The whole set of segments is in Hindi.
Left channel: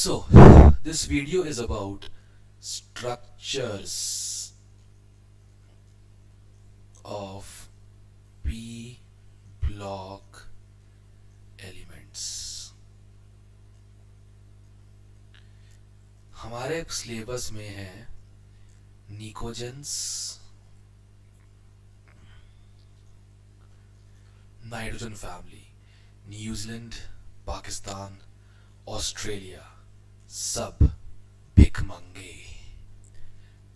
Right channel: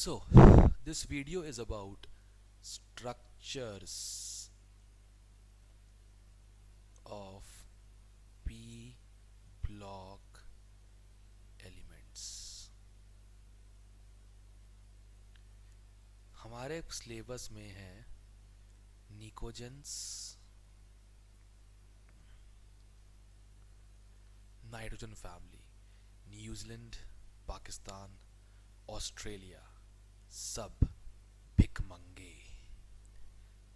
So, this video is about structures of p block elements. हमारे सिलेबस में है pnictogens, nitrogen family, New Zealand, Pakistan, Australia, सब भिखमंगे।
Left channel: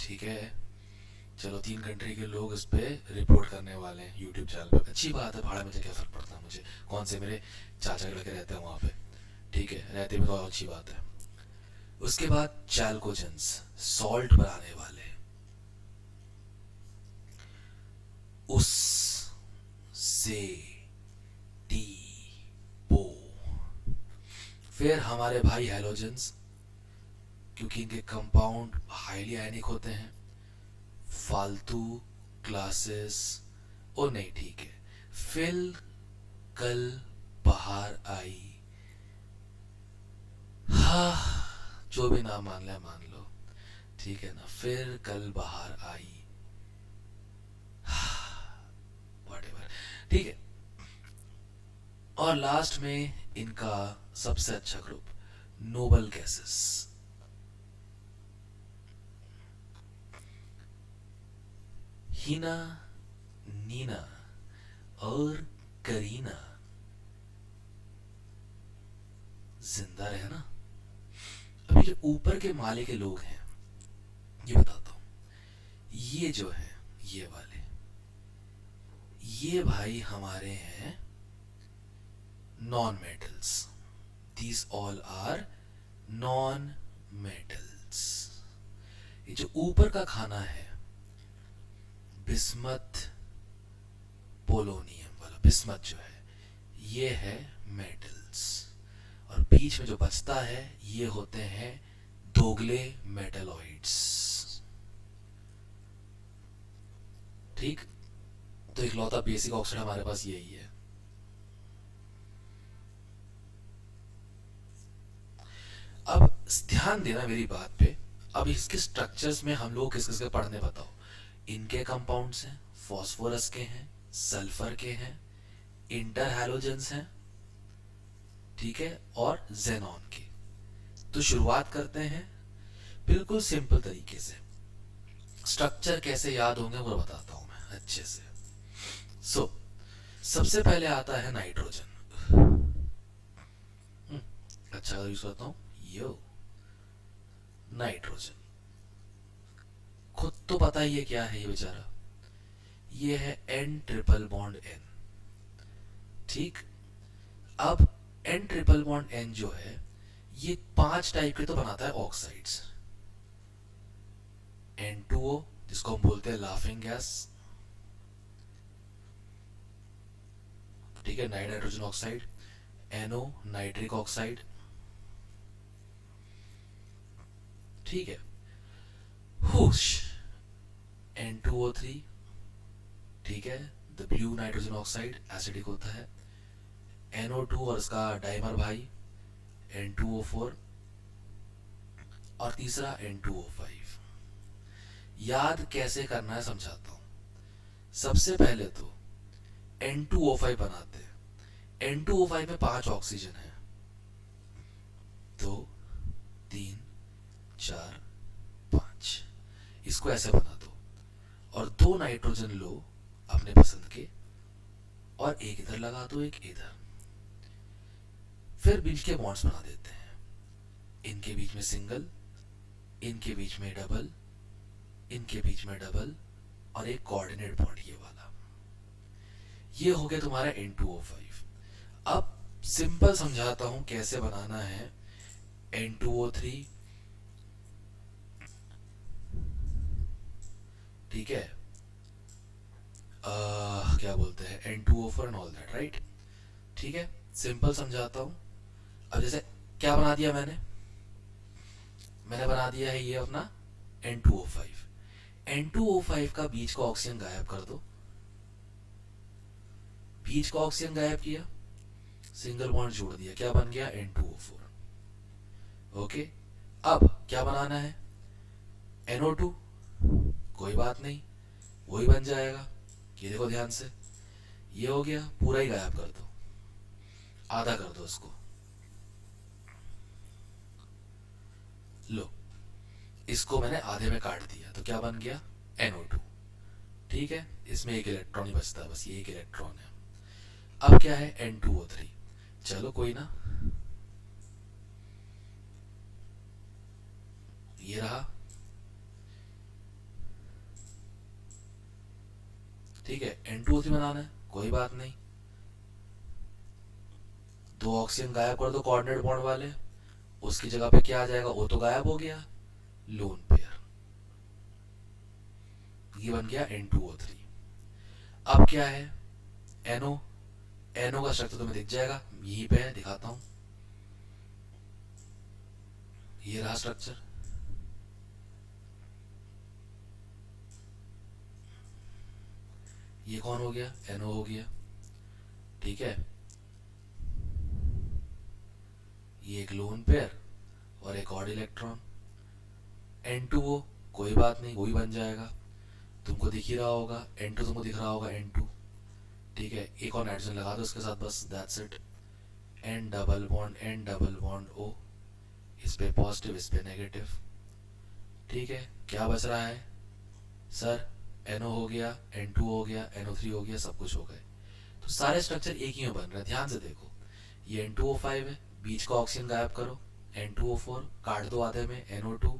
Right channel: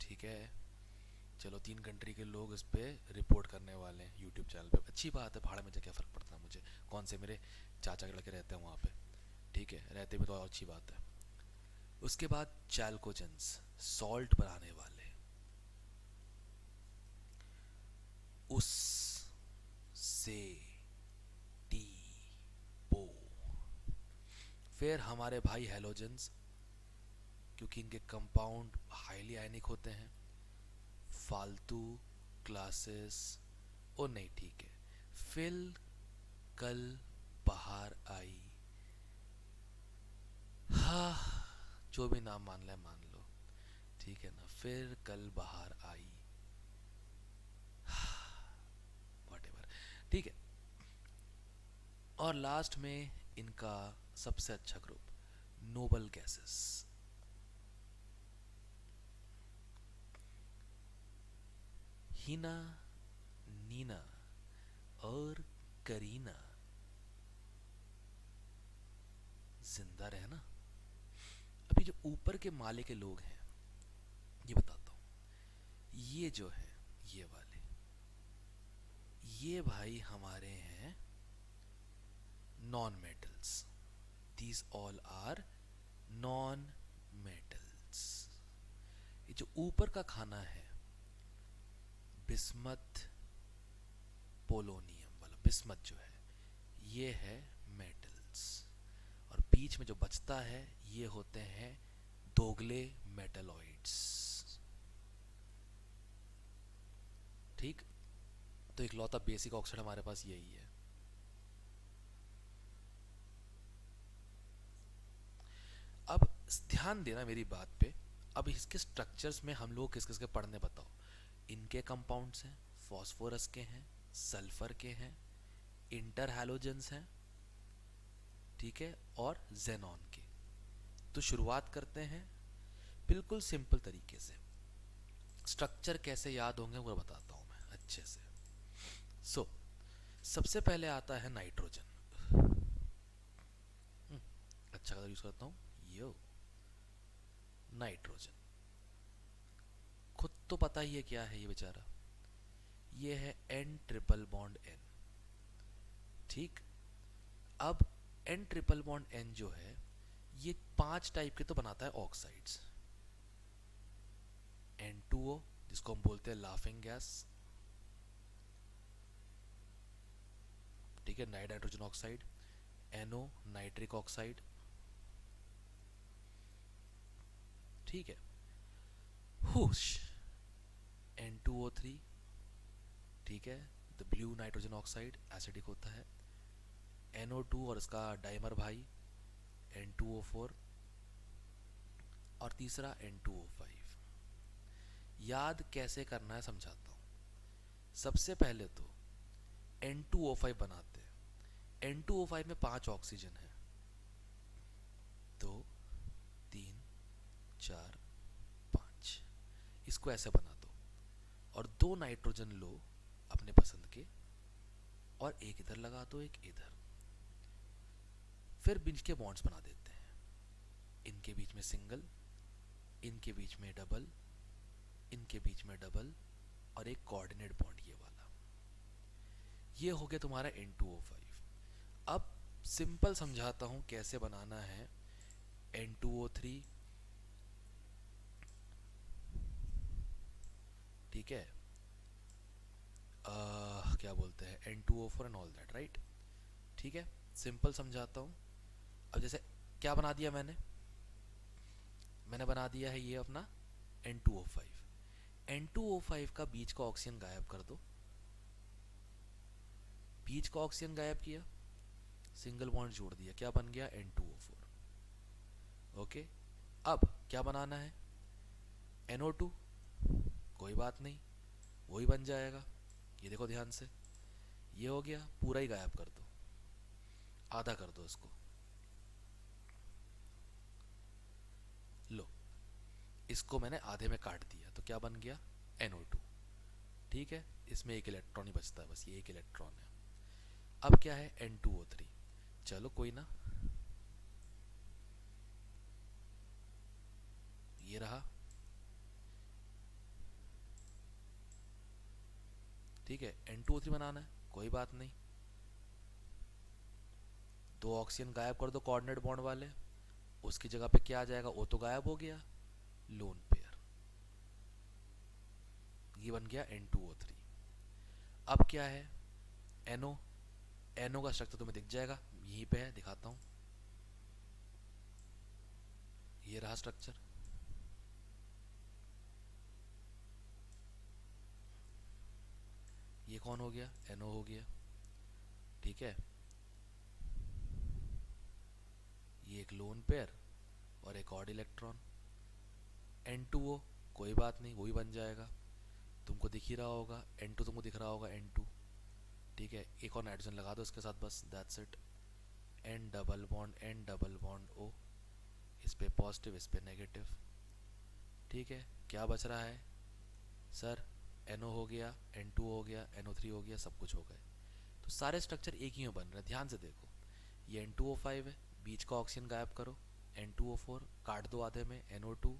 ठीक है, चलो 3 कंट्री के लोग इस पे रिपोर्ट करने वाले हैं यूट्यूब चैनल पे। अच्छी बात है, भाड़ा में क्या फर्क पड़ता है मुझे, कौन से मेरे चाचा के लड़के रहते हैं वहाँ पे। ठीक है, रहते भी तो अच्छी बात है। उसके बाद चैल्कोजेंस, सॉल्ट बनाने वाले, उस से टी पो। फिर हमारे भाई हेलोजेंस, क्योंकि इनके कंपाउंड हाईली आयनिक होते हैं। फालतू क्लासेस ओ नहीं, ठीक है। फिर कल बाहर आई, हाँ जो भी नाम मान ले मान लो, ठीक है ना। फिर कल बाहर आई, व्हाटएवर, ठीक है। और लास्ट में इनका सबसे अच्छा ग्रुप, नोबल गैसेस। हीना, नीना और करीना जिंदा रहे ना। अभी जो ऊपर के माले के लोग हैं, ये बताता हूं। ये जो है, ये वाले, ये भाई हमारे हैं non metals. These all are non metals. ये जो ऊपर का खाना है, बिस्मथ पोलोनियम वाला, बिस्मथ जो है, ये है मेटल्स। और बीच में जो बचता है, ये होते हैं दोगले मेटलॉइड्स। ठीक, तो इकलौता बेसिक ऑक्साइड हमारे पास यही है। अब ध्यान देना मेरी बात पे। अब इसके स्ट्रक्चर्स में हम लोग किस किस के पढ़ने, बताओ। इनके कंपाउंड्स हैं, फास्फोरस के हैं, सल्फर के हैं, इंटर हैलोजेंस हैं, ठीक है, और जेनॉन के। तो शुरुआत करते हैं बिल्कुल सिंपल तरीके से। स्ट्रक्चर कैसे याद होंगे वो बताता हूं मैं अच्छे से। सो सबसे पहले आता है नाइट्रोजन। अच्छा यूज करता हूं, यो नाइट्रोजन। खुद तो पता ही है क्या है ये बेचारा, ये है N ट्रिपल बॉन्ड N। ठीक, अब N ट्रिपल बॉन्ड N जो है, ये 5 टाइप के तो बनाता है ऑक्साइड्स। N2O, जिसको हम बोलते हैं लाफिंग गैस, ठीक है, nitrogen oxide. NO, nitric oxide, ठीक है। हुश, N2O3, ठीक है, the blue nitrogen oxide, acidic होता है। NO2 और इसका डाइमर भाई N2O4, और तीसरा N2O5। याद कैसे करना है समझाता हूं। सबसे पहले तो N2O5 बनाते हैं। N2O5 में 5 ऑक्सीजन है, 2, 3, 4, 5। इसको ऐसे बना दो, और 2 नाइट्रोजन लो अपने पसंद के, और एक इधर लगा दो, एक इधर। फिर बीच के बॉन्ड्स बना देते हैं। इनके बीच में सिंगल, इनके बीच में डबल, इनके बीच में डबल, और एक कोऑर्डिनेट बॉन्ड ये वाला। ये हो गया तुम्हारा N2O5। अब सिंपल समझाता हूं कैसे बनाना है N2O3, ठीक है। क्या बोलते हैं, N2O4 and all that, right. ठीक है, सिंपल समझाता हूं। अब जैसे क्या बना दिया मैंने, बना दिया है ये अपना N2O5। N2O5 का बीच का ऑक्सीजन गायब कर दो। बीच का ऑक्सीजन गायब किया, सिंगल बॉन्ड जोड़ दिया, क्या बन गया N2O4। ओके, अब क्या बनाना है, NO2, कोई बात नहीं, वही बन जाएगा। ये देखो ध्यान से, ये हो गया, पूरा ही गायब कर दो, आधा कर दो इसको। लो, इसको मैंने आधे में काट दिया तो क्या बन गया, NO2। ठीक है, इसमें एक इलेक्ट्रॉन ही बचता है, बस ये एक इलेक्ट्रॉन है। अब क्या है, N2O3। चलो कोई ना, ये रहा। ठीक है, N2O3 बनाना है, कोई बात नहीं, दो ऑक्सीजन गायब कर दो कोऑर्डिनेट बॉन्ड वाले, उसकी जगह पे क्या आ जाएगा, वो तो गायब हो गया, लोन पेयर। ये बन गया N2O3। अब क्या है, NO। NO का स्ट्रक्चर तुम्हें दिख जाएगा, यहीं पे है, दिखाता हूं। ये रहा स्ट्रक्चर। ये कौन हो गया, NO हो गया। ठीक है, ये एक लोन पेयर और एक और इलेक्ट्रॉन, N2O, कोई बात नहीं, वही बन जाएगा, तुमको दिख ही रहा होगा, N2 तुमको दिख रहा होगा, N2। ठीक है, एक और नाइट्रोजन लगा दो इसके साथ, बस that's it. N double bond O, इस पे पॉजिटिव, इस पे नेगेटिव। ठीक है, क्या बच रहा है सर, NO हो गया, N2 हो गया, NO3 हो गया, सब कुछ हो गए। तो सारे स्ट्रक्चर एक ही में बन रहे हैं, ध्यान से देखो। ये N2O5 है, बीच का ऑक्सीजन गायब करो, N2O4 काट दो आधे में, NO2,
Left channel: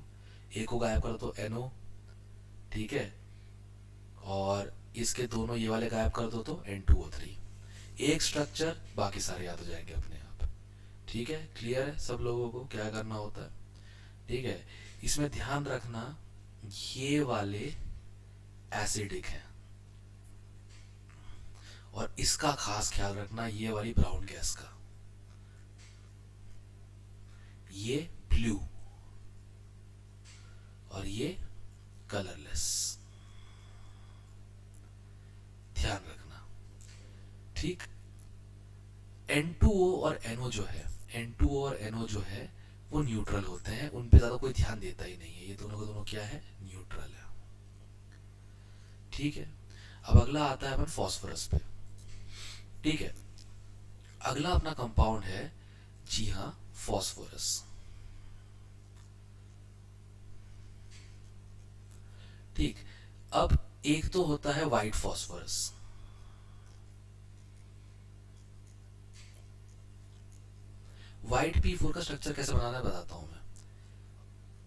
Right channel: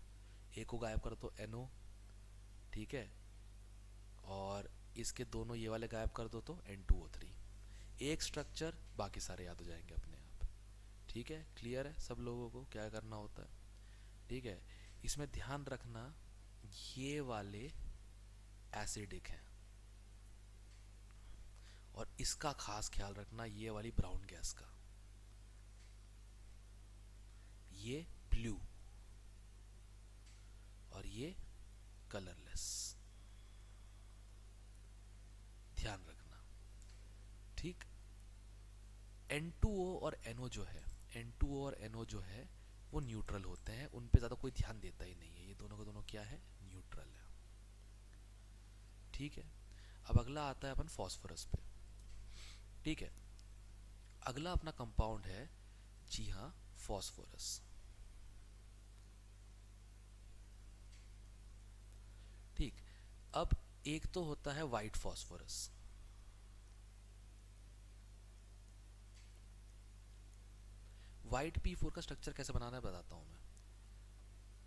एक को गायब करो तो NO। ठीक है, और इसके दोनों ये वाले गायब कर दो तो N2O3। एक स्ट्रक्चर, बाकी सारे याद हो जाएंगे अपने आप। ठीक है, क्लियर है सब लोगों को क्या करना होता है। ठीक है, इसमें ध्यान रखना, ये वाले एसिडिक हैं, और इसका खास ख्याल रखना, ये वाली ब्राउन गैस का, ये ब्लू, और ये कलरलेस, ध्यान रखना। ठीक, N2O और NO जो है, N2O और NO जो है वो न्यूट्रल होते हैं, उन पे ज्यादा कोई ध्यान देता ही नहीं है, ये दोनों के दोनों क्या है, न्यूट्रल है। ठीक है, अब अगला आता है अपन फॉस्फोरस पे। ठीक है, अगला अपना कंपाउंड है, जी हाँ, फॉस्फोरस। ठीक, अब एक तो होता है व्हाइट फॉस्फोरस। व्हाइट P4 का स्ट्रक्चर कैसे बनाना है बताता हूं मैं।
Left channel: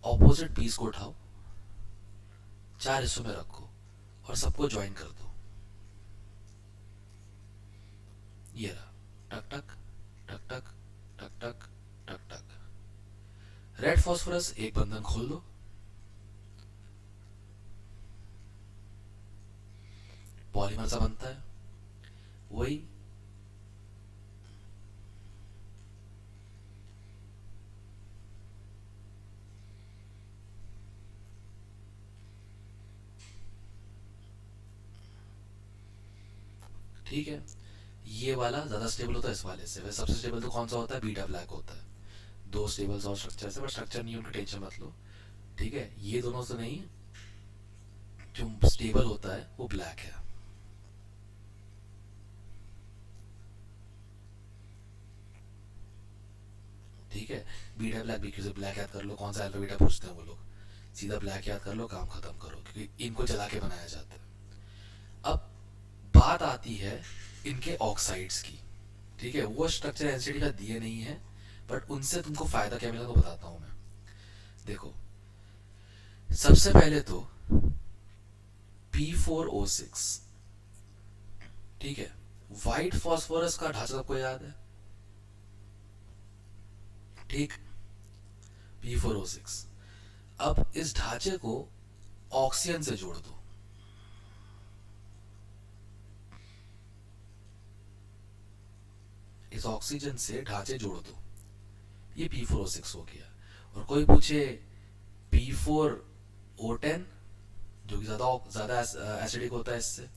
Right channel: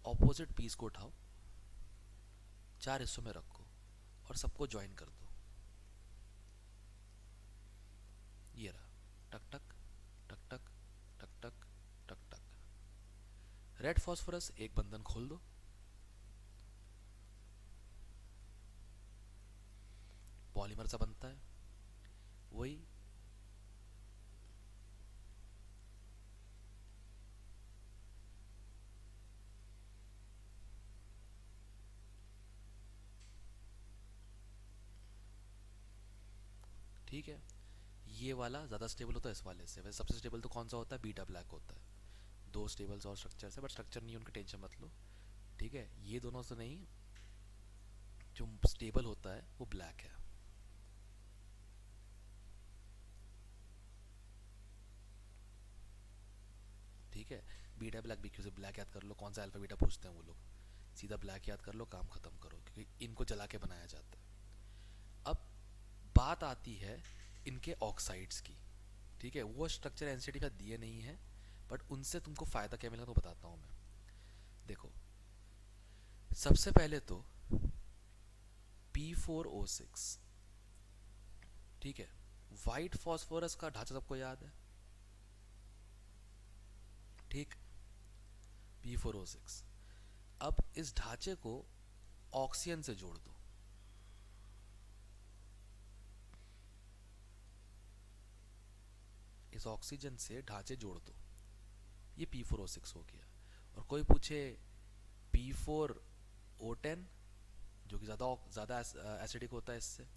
ऑपोजिट पीस को उठाओ, चार हिस्सों में रखो और सबको ज्वाइन कर दो, ये रहा, टक टक टक टक टक टक टक टक। रेड फॉस्फोरस एक बंधन खोल दो, पॉलीमर सा बनता है, वही। ठीक है, ये वाला ज्यादा स्टेबल होता है इस वाले से, वैसे सबसे स्टेबल तो कौन सा होता है, बीटा ब्लैक होता है। दो स्टेबल और स्ट्रक्चर से, बट स्ट्रक्चर नहीं, उनकी टेंशन मत लो। ठीक है, ये दोनों से नहीं, जो स्टेबल होता है वो ब्लैक है। ठीक है, बीटा ब्लैक भी, क्योंकि ब्लैक याद कर लो, कौन सा अल्फा बीटा पूछते हैं वो लोग, सीधा ब्लैक याद कर लो, काम खत्म करो, क्योंकि इनको जला के बनाया जाता है। अब बात आती है इनके ऑक्साइड्स की। ठीक है, वो स्ट्रक्चर एनसीडी का दिए नहीं है, बट उनसे तुमको फायदा क्या मिला तो बताता हूं मैं। देखो, सबसे पहले तो P4O6। ठीक है, व्हाइट फॉस्फोरस का ढांचा सबको याद है। ठीक, P4O6। अब इस ढांचे को ऑक्सीजन से जोड़ दो, इस ऑक्सीजन से ढांचे जोड़ दो, ये P4O6 हो गया। और कोई पूछे P4O10, जो कि ज्यादा ज्यादा एसिडिक होता है इससे,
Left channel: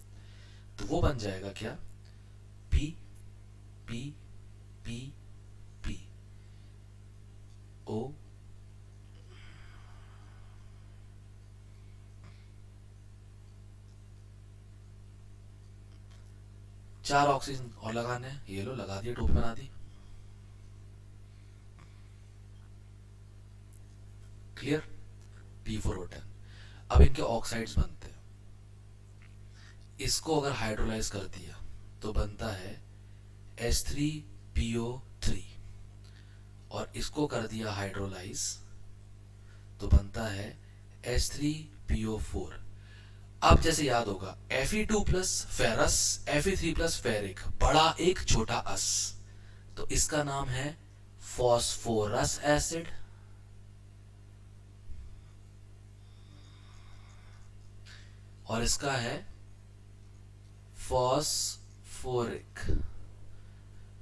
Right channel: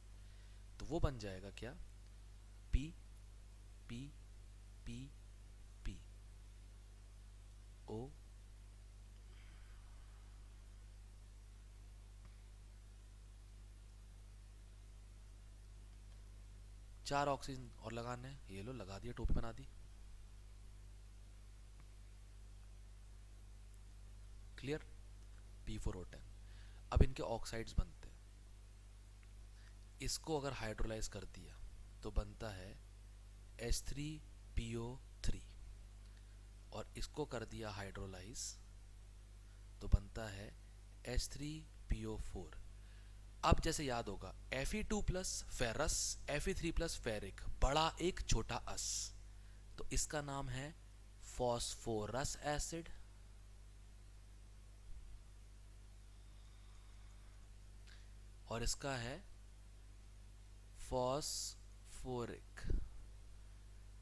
तो वो बन जाएगा क्या, P P P P O 4 oxygen और लगाने हैं, ये लो लगा दिए, टोपी बना दी। क्लियर? P4O10। अब इनके ऑक्साइड्स बनते हैं। इसको अगर हाइड्रोलाइज कर दिया तो बनता है H3PO3, और इसको कर दिया हाइड्रोलाइज तो बनता है H3PO4। अब जैसे याद होगा Fe2 plus ferrous, Fe3 plus ferric, बड़ा एक छोटा अस, तो इसका नाम है फॉस्फोरस एसिड। और इसका है फॉस्फोरिक,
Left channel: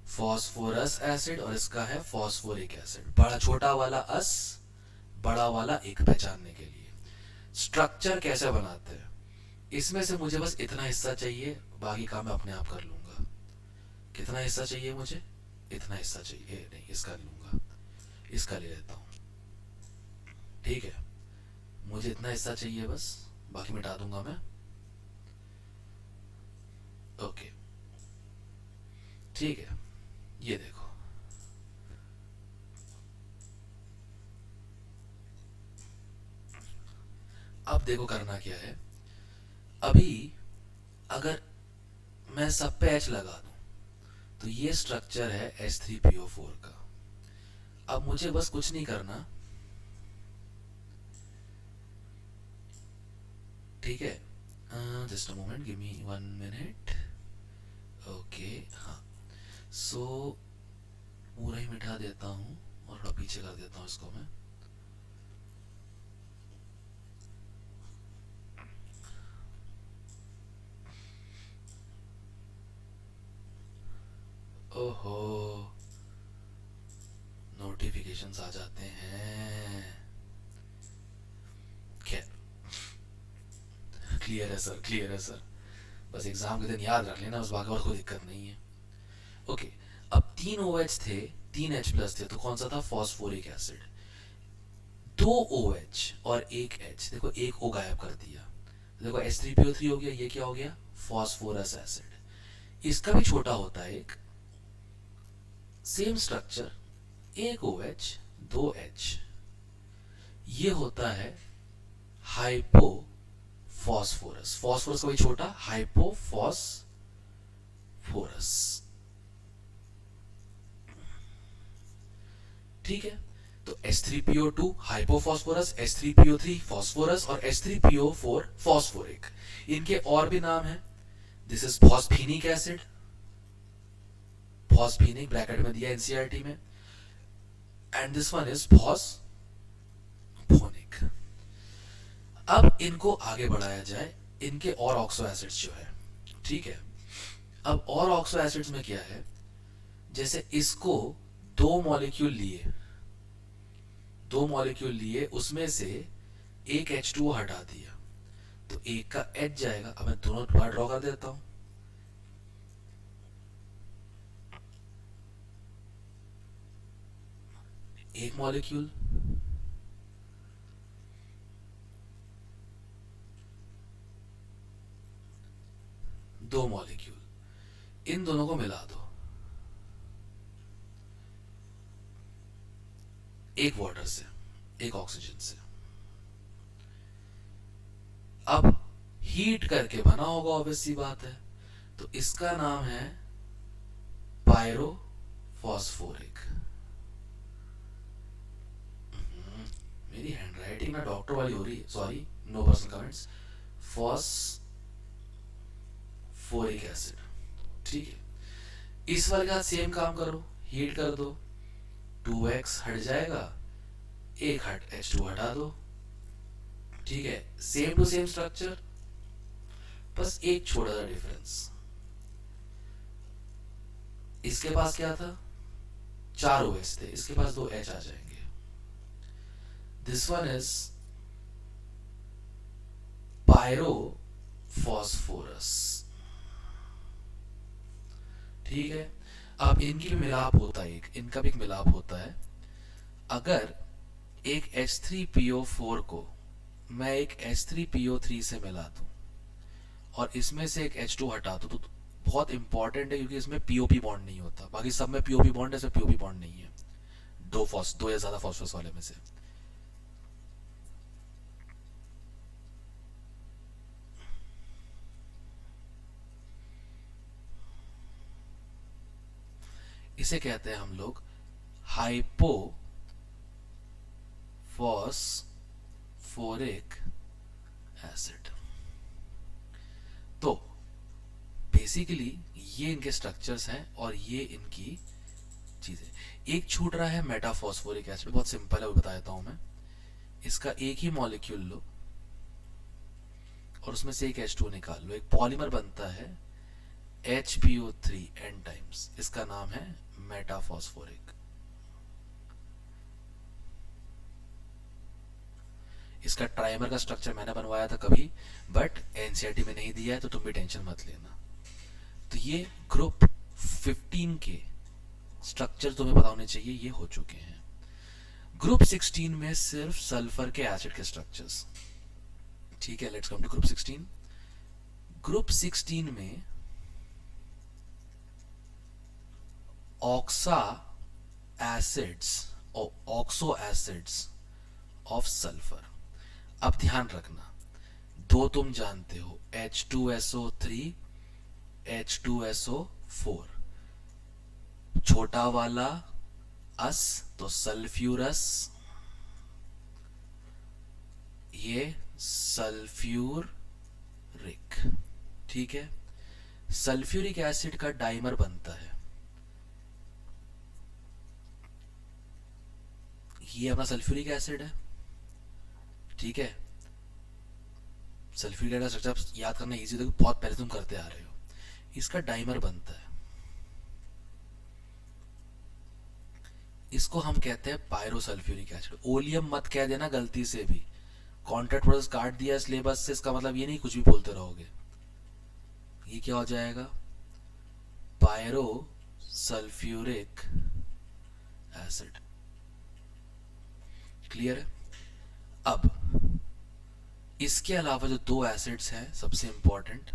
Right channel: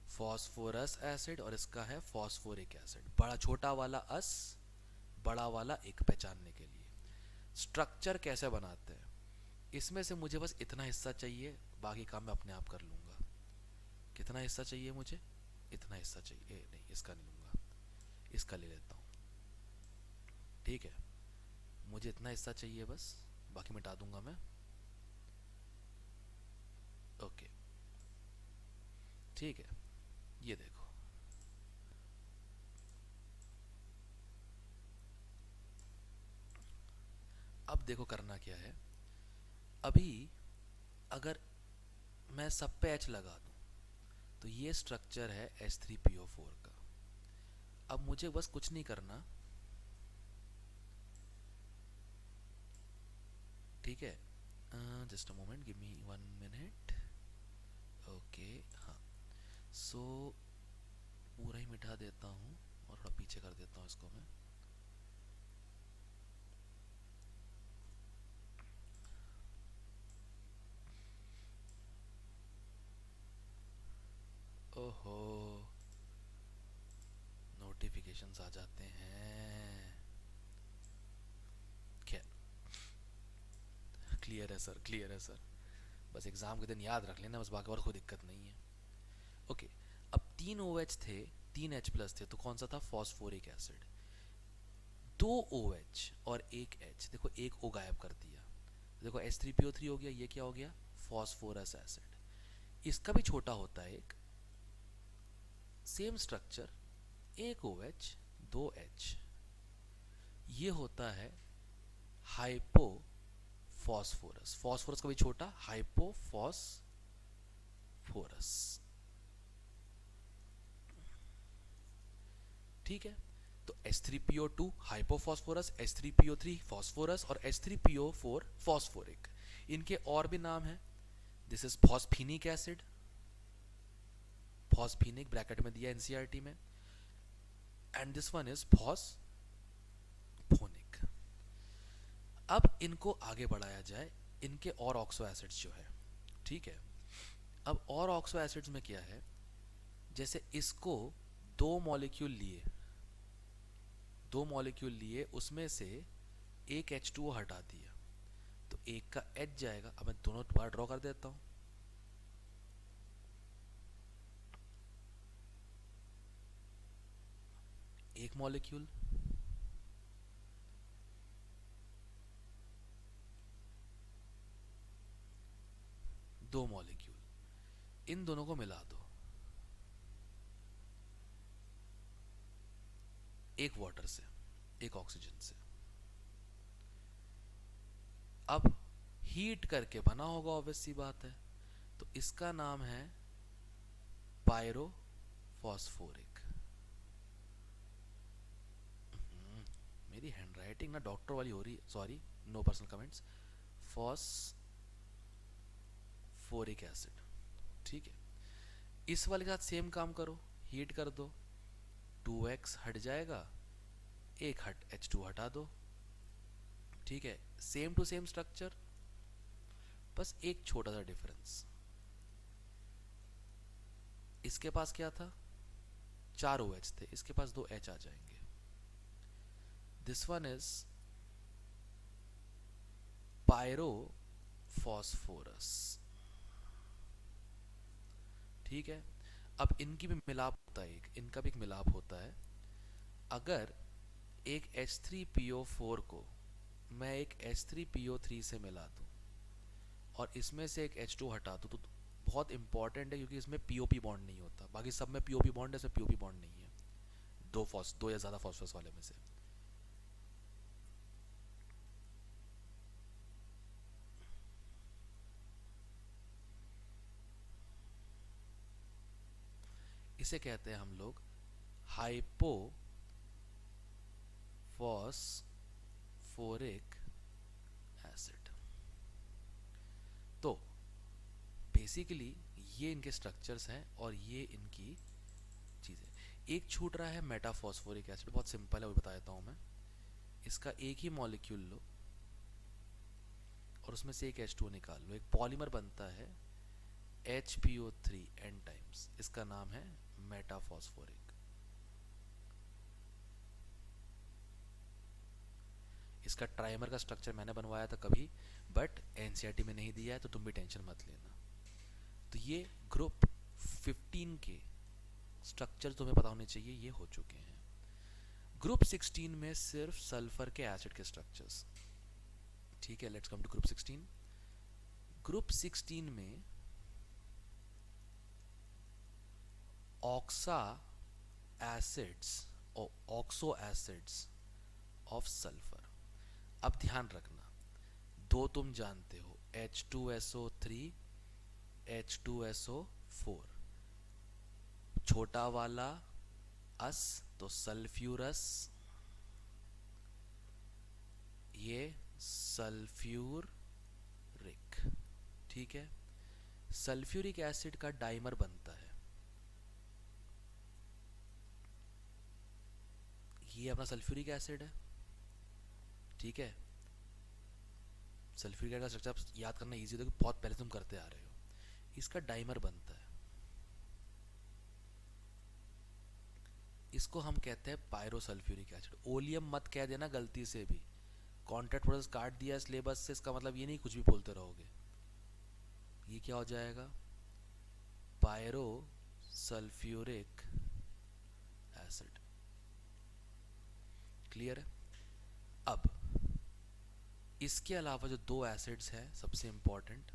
फॉस्फोरस एसिड, और इसका है फॉस्फोरिक एसिड। बड़ा छोटा वाला अस, बड़ा वाला एक, पहचानने के लिए। स्ट्रक्चर कैसे बनाते हैं, इसमें से मुझे बस इतना हिस्सा चाहिए, बाकी काम मैं अपने आप कर लूंगा। कितना हिस्सा चाहिए मुझे? इतना हिस्सा चाहिए, नहीं इसका नहीं लूंगा, इसका ले लेता हूं। ठीक है, मुझे इतना हिस्सा चाहिए बस, बाकी मिटा दूंगा मैं। ओके ठीक है, ये देखो अब देखो करना क्या है। अभी अगर मैं सब पे H लगा दूं तो ये स्ट्रक्चर है H3PO4 का। अब मुझे बस कुछ नहीं करना, ठीक है, just a moment, give me 1 minute. Okay हाँ, सो पूरा ही मिटा देता हूँ और थोड़ा पीछे कर देता हूँ इसको मैं। ओहो, नोटिफिकेशंस आ जाते हैं। खैर, क्लियर है सर, क्लियर है सर, बस एग्जाम के दिन याद रख लेना, बस बाकी और कोई दिक्कत नहीं है। ओके, अब 3 OH थे, 3 H प्लस थे, तो कौन सा था? Phosphoric acid. 2 OH और 1 H, देखो एक O गायब कर दिया, देखो H3PO3 हो गया, ये क्या हो गया? Phosphorous acid. इसका भी छोटा होता है एक, सेम स्ट्रक्चर, 1 OH 2 H, ये होता है हाइपो फॉस्फोरस। फॉस्फोरस का भी छोटा, हाइपोफॉस्फोरस। ठीक है, तो H3PO2 हाइपोफॉस्फोरस, H3PO3 फॉस्फोरस और H3PO4 फॉस्फोरिक। इनके और भी नाम हैं। दिस इज फॉस्फेनिक एसिड, फॉस्फेनिक ब्रैकेट में दिया एनसीईआरटी में, and this one is phosphonic. अब इनको आगे बढ़ाया जाए, इनके और ऑक्सो एसिड्स जो है, ठीक है। अब और ऑक्सो एसिड्स में क्या है, जैसे इसको 2 मॉलिक्यूल लिए, उसमें से एक H2O हटा दिया, तो एक का H जाएगा। अब मैं दोनों बार ड्रॉ कर देता हूं, एक मॉलिक्यूल, दो मॉलिक्यूल, इन दोनों को मिला दो, एक वाटर से, एक ऑक्सीजन से। अब हीट करके बना होगा, ऑब्वियस सी बात है, तो इसका नाम है पायरोफॉस्फोरिक। मेरी हैंडराइटिंग ना डॉक्टर वाली हो रही है, sorry, no personal comments. Phosphoric acid, ठीक है। इस वाले का सेम काम करो, हीट कर दो, 2x हट जाएगा, एक हट H2 हटा दो, ठीक है, सेम टू सेम स्ट्रक्चर, बस एक छोटा सा डिफरेंस। इसके पास क्या था? 4 OH थे, इसके पास 2 H आ जाएंगे। दिस वन इज पायरोफॉस्फोरस, ठीक है। अब इनकी भी मिलाप होता है, इनका भी एक मिलाप होता है। अगर एक H3PO4 को मैं एक H3PO3 से मिला दूं और इसमें से एक H2 हटा दूं, तो बहुत इंपॉर्टेंट है क्योंकि इसमें पीओपी बॉन्ड नहीं होता, बाकी सब में पीओपी बॉन्ड है, इसमें पीओपी बॉन्ड नहीं है, दो या ज्यादा फॉस्फोरस वाले में से। इसे कहते हैं हम लोग हाइपोफॉस्फोरिक एसिड। तो बेसिकली ये इनके स्ट्रक्चर्स हैं और ये इनकी चीजें। एक छूट रहा है मेटाफॉस्फोरिक एसिड, बहुत सिंपल है, वो बता देता हूं मैं। इसका एक ही मॉलिक्यूल लो और उसमें से एक H2 निकाल लो, एक पॉलीमर बनता है HPO3 n टाइम्स, इसका नाम है मेटाफॉस्फोरिक। इसका ट्राइमर का स्ट्रक्चर मैंने बनवाया था कभी, बट एनसीईआरटी में नहीं दिया है, तो तुम भी टेंशन मत लेना। तो ये ग्रुप 15 के स्ट्रक्चर तुम्हें पता होने चाहिए, ये हो चुके हैं। ग्रुप 16 में सिर्फ सल्फर के एसिड के स्ट्रक्चर्स। ठीक है, let's come to group 16। Group 16 में ऑक्सा एसिड्स और ऑक्सो एसिड्स ऑफ सल्फर। अब ध्यान रखना, दो तुम जानते हो, H2SO3, H2SO4, छोटा वाला अस तो सल्फ्यूरस, ये सल्फ्यूरिक। ठीक है, सल्फ्यूरिक एसिड का डाइमर बनता है, ये अपना सल्फ्यूरिक एसिड है। ठीक है, सल्फ्यूरिक एसिड का स्ट्रक्चर याद करना इजी, तो बहुत पहले तुम करते आ रहे हो। इसका डाइमर बनता है, इसको हम कहते हैं पायरोसल्फ्यूरिक एसिड। ओलियम मत कह देना गलती से भी, कॉन्ट्रैक्ट प्रोसेस काट दिया सिलेबस से, इसका मतलब ये नहीं कुछ भी बोलते रहोगे। ये क्या हो जाएगा, पायरोसल्फ्यूरिक एसिड। क्लियर है? अब इसके अलावा जो दो एसिड्स हैं सबसे इंपॉर्टेंट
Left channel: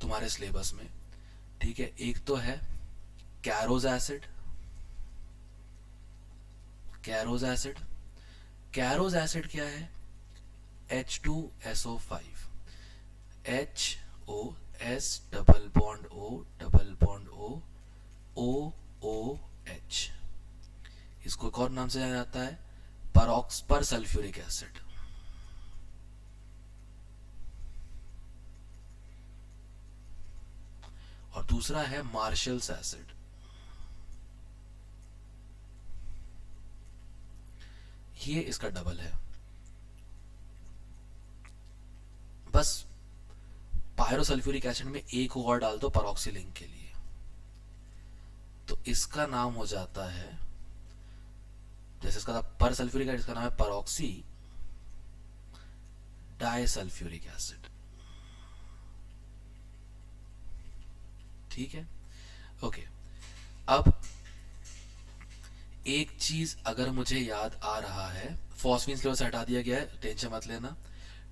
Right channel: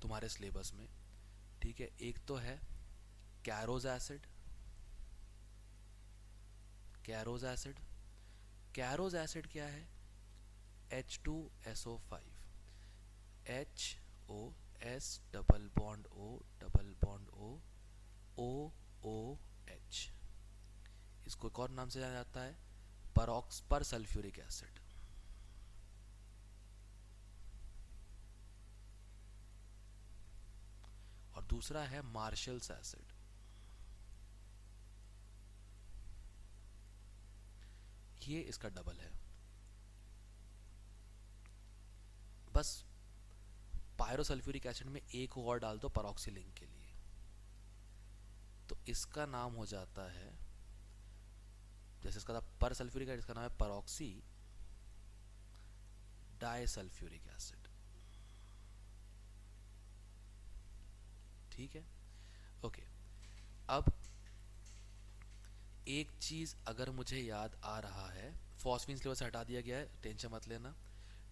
तुम्हारे सिलेबस में, ठीक है, एक तो है कैरोज एसिड। कैरोज एसिड, कैरोज एसिड क्या है, H2SO5, HOS double bond O double bond O OOH। इसको एक और नाम से जाना जाता है पर सल्फ्यूरिक एसिड। और दूसरा है मार्शल्स एसिड। ये इसका डबल है। बस पायरोसल्फ्यूरिक एसिड में एक और डाल दो परऑक्सीलिंक के लिए, तो इसका नाम हो जाता है, जैसे इसका था पर सल्फ्यूरिक एसिड, इसका नाम है परऑक्सी डाइसल्फ्यूरिक एसिड। ठीक है, ओके। अब एक चीज अगर मुझे याद आ रहा है, फॉस्फीन सिलेबस से हटा दिया गया है, टेंशन मत लेना।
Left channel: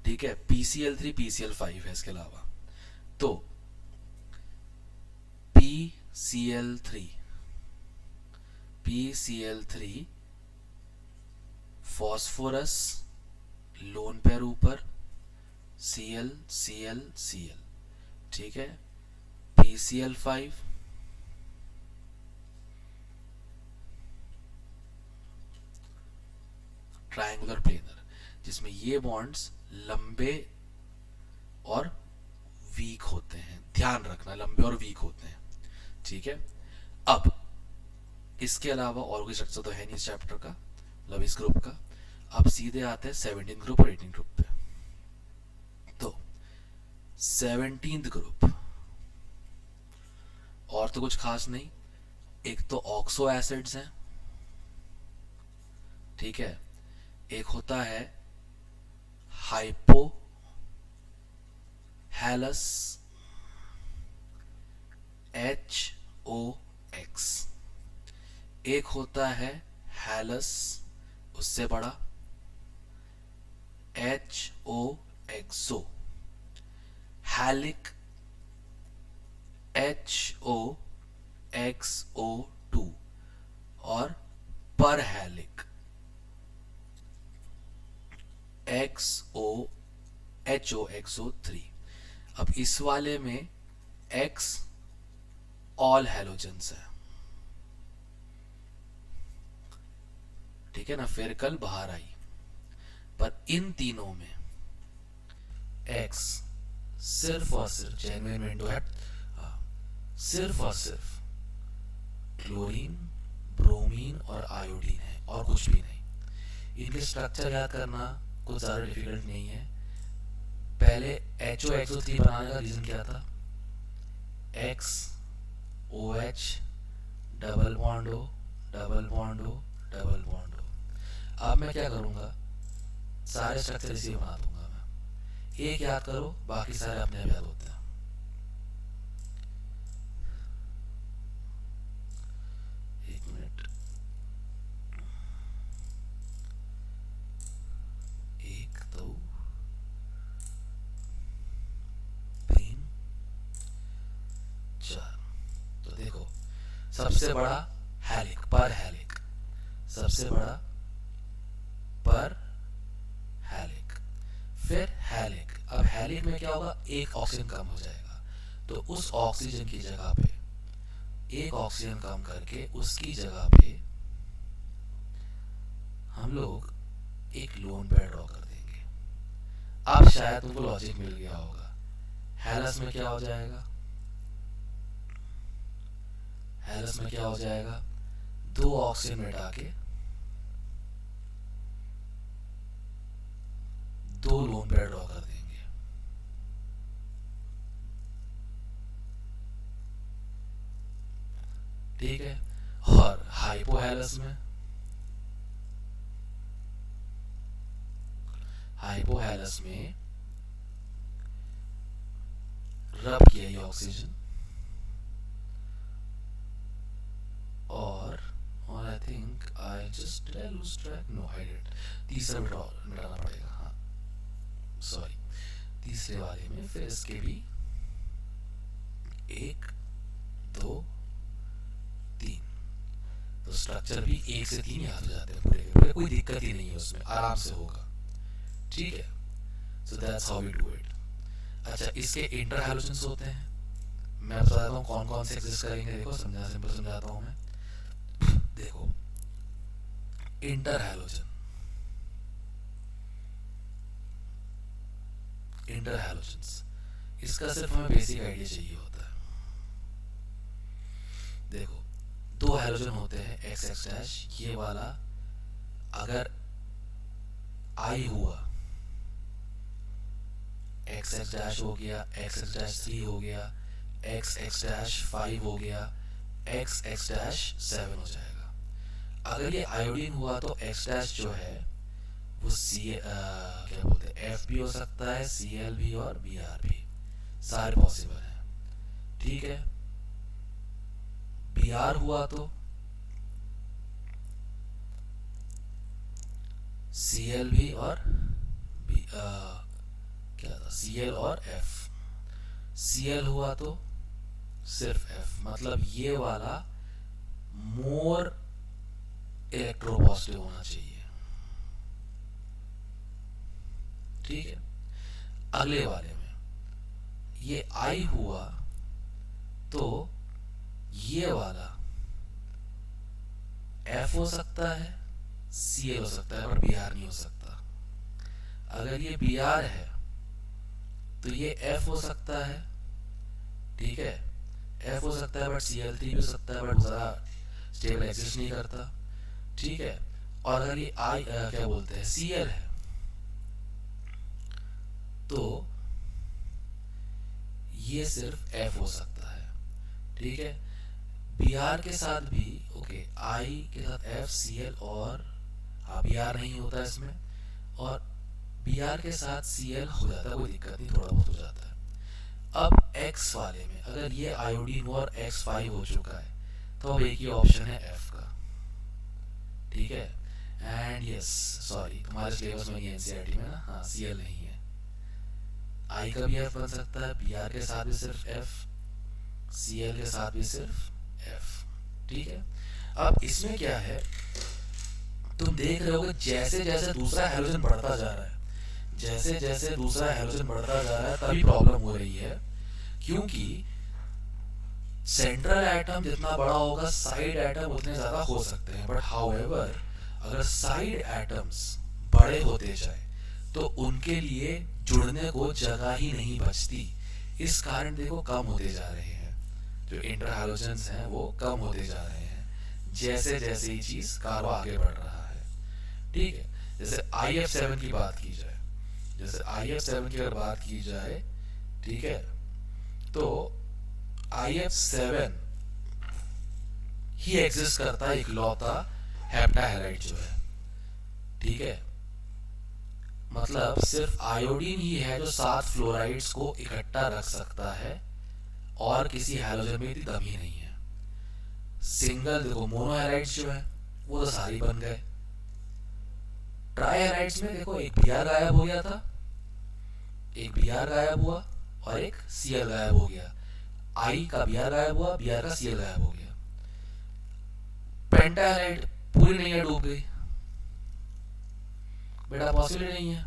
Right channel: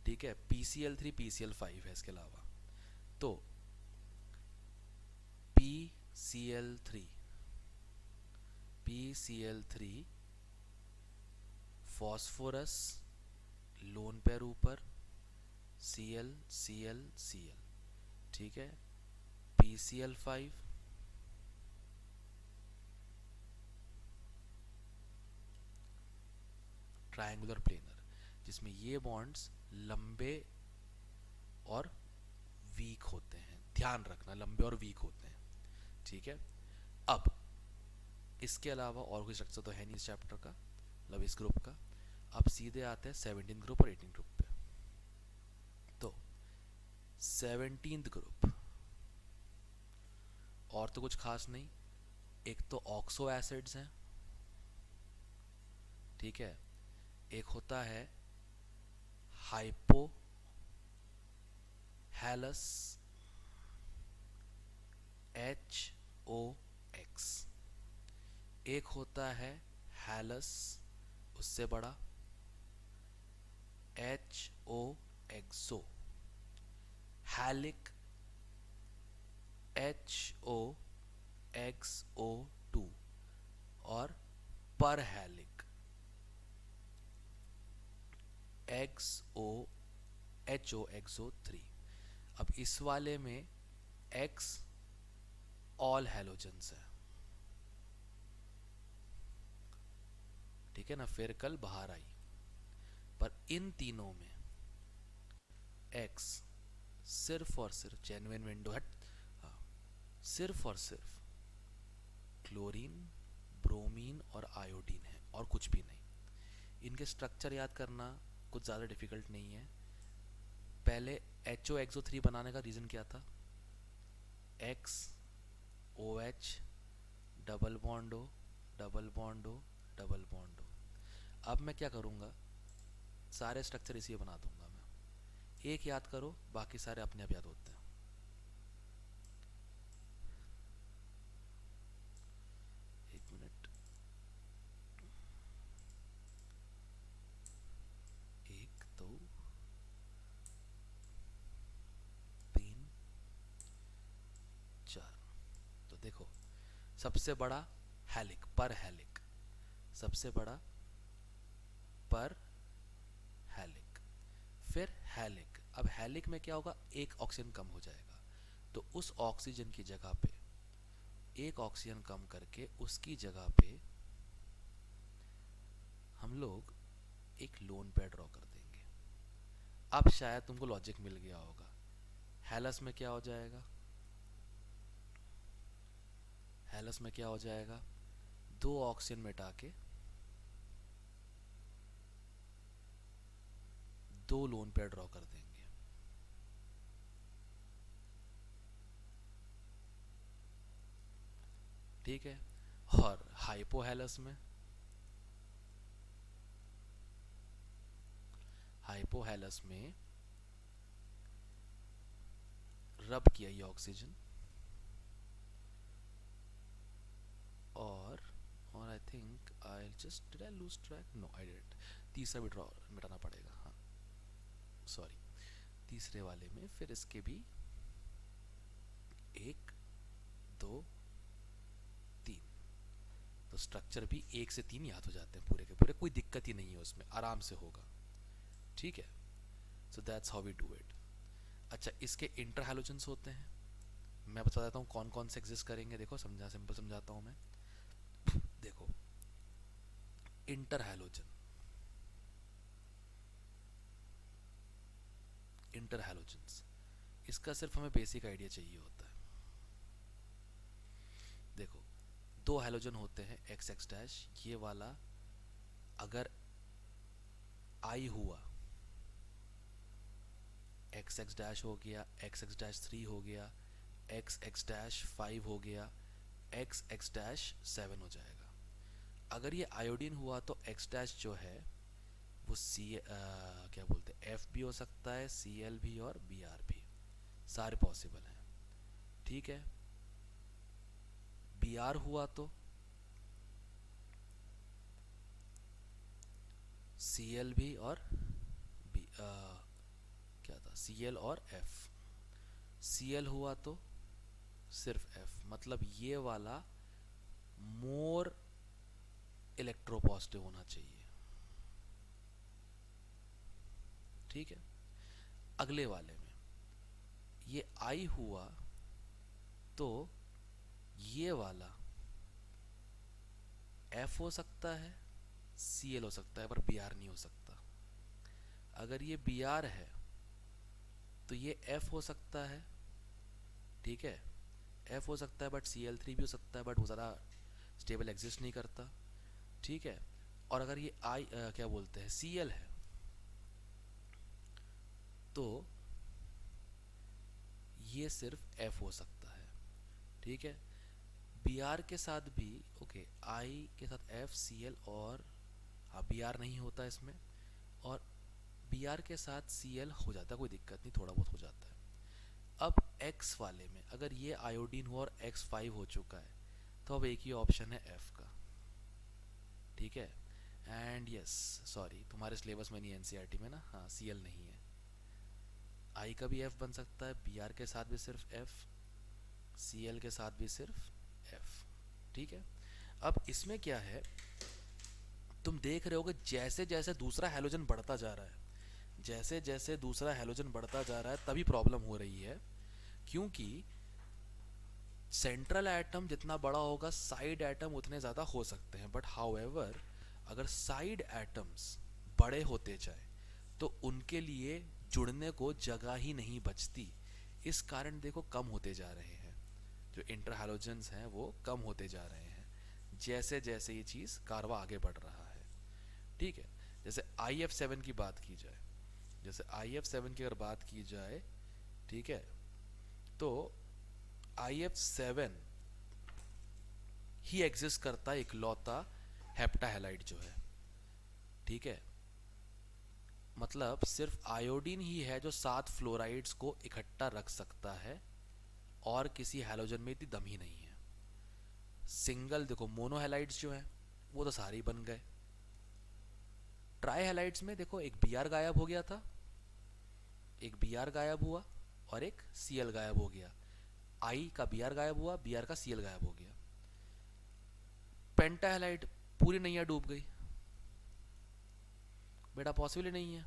ठीक है, PCl3 PCl5 है इसके अलावा। तो PCl3 फॉस्फोरस लोन पेयर ऊपर, Cl Cl Cl। ठीक है, PCl5 ट्रायंगुलर प्लेनर, जिसमें ये बॉन्ड्स लंबे और वीक होते हैं। ध्यान रखना, लंबे और वीक होते हैं। ठीक है, अब इसके अलावा और कोई स्ट्रक्चर तो है नहीं इस चैप्टर का, मतलब इस ग्रुप का। अब सीधे आते हैं 17 ग्रुप और 18 ग्रुप पे। तो 17 ग्रुप और तो कुछ खास नहीं, एक तो ऑक्सो एसिड्स हैं। ठीक है, एक होता है हाइपो हैलस HOX, एक होता है हैलस उससे बड़ा HOXO। हैलिक HOXO2 और पर हेलिक XOHOXO3। अब इस वाले में X ऑल हेलोजेंस है, ठीक है ना, फिर कल बाहर आई। पर इन तीनों में X सिर्फ और सिर्फ जेन्युइन विंडो है, सिर्फ और सिर्फ क्लोरीन, ब्रोमीन और आयोडीन है और कुछ भी नहीं। इनके स्ट्रक्चर याद करना कुछ ज़्यादा डिफिकल्ट नहीं है। पहले HOXO3 बनाने का रीज़न क्या था? X OH double bond O double bond O double bond O। अब मैं क्या करूँगा, सारे स्ट्रक्चर इसी बना दूंगा मैं। एक याद करो, बाकी सारे अपने आप याद होते हैं। एक मिनट, एक दो तीन चार। तो देखो, सबसे बड़ा हेलिक, पर हेलिक, सबसे बड़ा पर हेलिक, फिर हेलिक। अब हेलिक में क्या होगा, एक ऑक्सीजन कम हो जाएगा, तो उस ऑक्सीजन की जगह पे एक ऑक्सीजन कम करके उसकी जगह पे हम लोग एक लोन पेयर ड्रॉ कर देंगे। अब शायद तुमको लॉजिक मिल गया होगा। हेलस में क्या हो जाएगा, हेलस में क्या हो जाएगा, दो ऑक्सीजन मिटा के दो लोन पेयर ड्रॉ कर देंगे। ठीक है। और हाइपोहेलस में, हाइपोहेलस में रब किया ये ऑक्सीजन और I think I just lose track, no I did, तीसरा मिटाना पड़ेगा, हाँ सॉरी, तीसरे वाले में फिर इसके भी एक दो तीन, तो स्ट्रक्चर भी एक से तीन याद हो जाते हैं पूरे के पूरे, कोई दिक्कत ही नहीं है उसमें, आराम से होगा। ठीक है, so that's how we do it. अच्छा, इसके इंटर हैलोजेंस होते हैं, मैं बता देता हूँ कौन कौन से एग्जिस्ट करेंगे। देखो सिंपल समझाता हूँ मैं। देखो, इंटर हैलोजन, इंटर हैलोजेंस, इसका सिर्फ हमें बेसिक आइडिया चाहिए होता है। देखो, दो हैलोजन होते हैं XX डैश, ये वाला अगर I हुआ, XX डैश हो गया, XX डैश 3 हो गया, XX डैश 5 हो गया, XX डैश 7 हो जाएगा। अगर ये आयोडीन हुआ तो X डैश जो है वो क्या बोलते हैं, F भी हो सकता है, Cl भी और Br भी, सारे पॉसिबल है। ठीक है, Br हुआ तो Cl भी और क्या था, Cl और F। Cl हुआ तो सिर्फ F, मतलब ये वाला मोर इलेक्ट्रोपॉजिटिव होना चाहिए। ठीक है, अगले वाले में ये I हुआ तो ये वाला F हो सकता है, Cl हो सकता है, पर Br नहीं हो सकता। अगर ये Br है तो ये F हो सकता है, ठीक है, F हो सकता है, बट Cl3 भी हो सकता है, बट ज़रा स्टेबल एग्जिस्ट नहीं करता। ठीक है, और अगर ये क्या बोलते हैं Cl है तो ये सिर्फ F हो सकता है। ठीक है, Br के साथ भी ओके, I के साथ F Cl और Br नहीं होता इसमें, और Br के साथ Cl हो जाता है, कोई दिक्कत नहीं, थोड़ा बहुत हो जाता है। अब X वाले में अगर ये आयोडीन और X5 हो चुका है तो अब एक ही ऑप्शन है F का। ठीक है, एंड यस सॉरी, तुम्हारे सिलेबस में ये NCERT में ना, हाँ Cl नहीं है, I का भी F बन सकता है, Br के साथ भी सिर्फ F, Cl के साथ भी सिर्फ F। ठीक है, अब इसमें क्या है, तुम देख रहे हो कि जैसे जैसे दूसरा हेलोजन बढ़ता जा रहा है, जैसे जैसे दूसरा हेलोजन बढ़ता जा रहा है तभी प्रॉब्लम हो रही है, क्योंकि सेंट्रल एटम जितना बड़ा होगा साइड एटम उतने ज्यादा हो सकते हैं, बट हाउएवर अगर साइड एटम्स बड़े होते जाए तो उनके लिए जुड़ने को जगह ही नहीं बचती। इस कारण देखो कम होते जा रहे हैं, जो इंटर हैलोजेंस हैं वो कम होते जा रहे हैं जैसे जैसे ये चीज कार्बन आगे बढ़ रहा है। ठीक है, जैसे IF7 की बात की जाए, जैसे IF7 की अगर बात की जाए, ठीक है, तो IF7 ही एग्जिस्ट करता है इकलौता हेप्टाहेलाइड जो है। ठीक है, मतलब सिर्फ आयोडीन ही है जो 7 फ्लोराइड्स को इकट्ठा रख सकता है और किसी हैलोजन में इतनी दम ही नहीं है। सिंगल देखो मोनोहेलाइड्स जो है वो तो सारे बन गए। ट्राईहेलाइड्स में देखो एक Br गायब हो गया था, एक Br गायब हुआ और एक Cl गायब हो गया। I का Br गायब हुआ, Br का Cl गायब हो गया। पेंटाहेलाइड पूरी नहीं डूब गई, बेटा पॉसिबल नहीं है।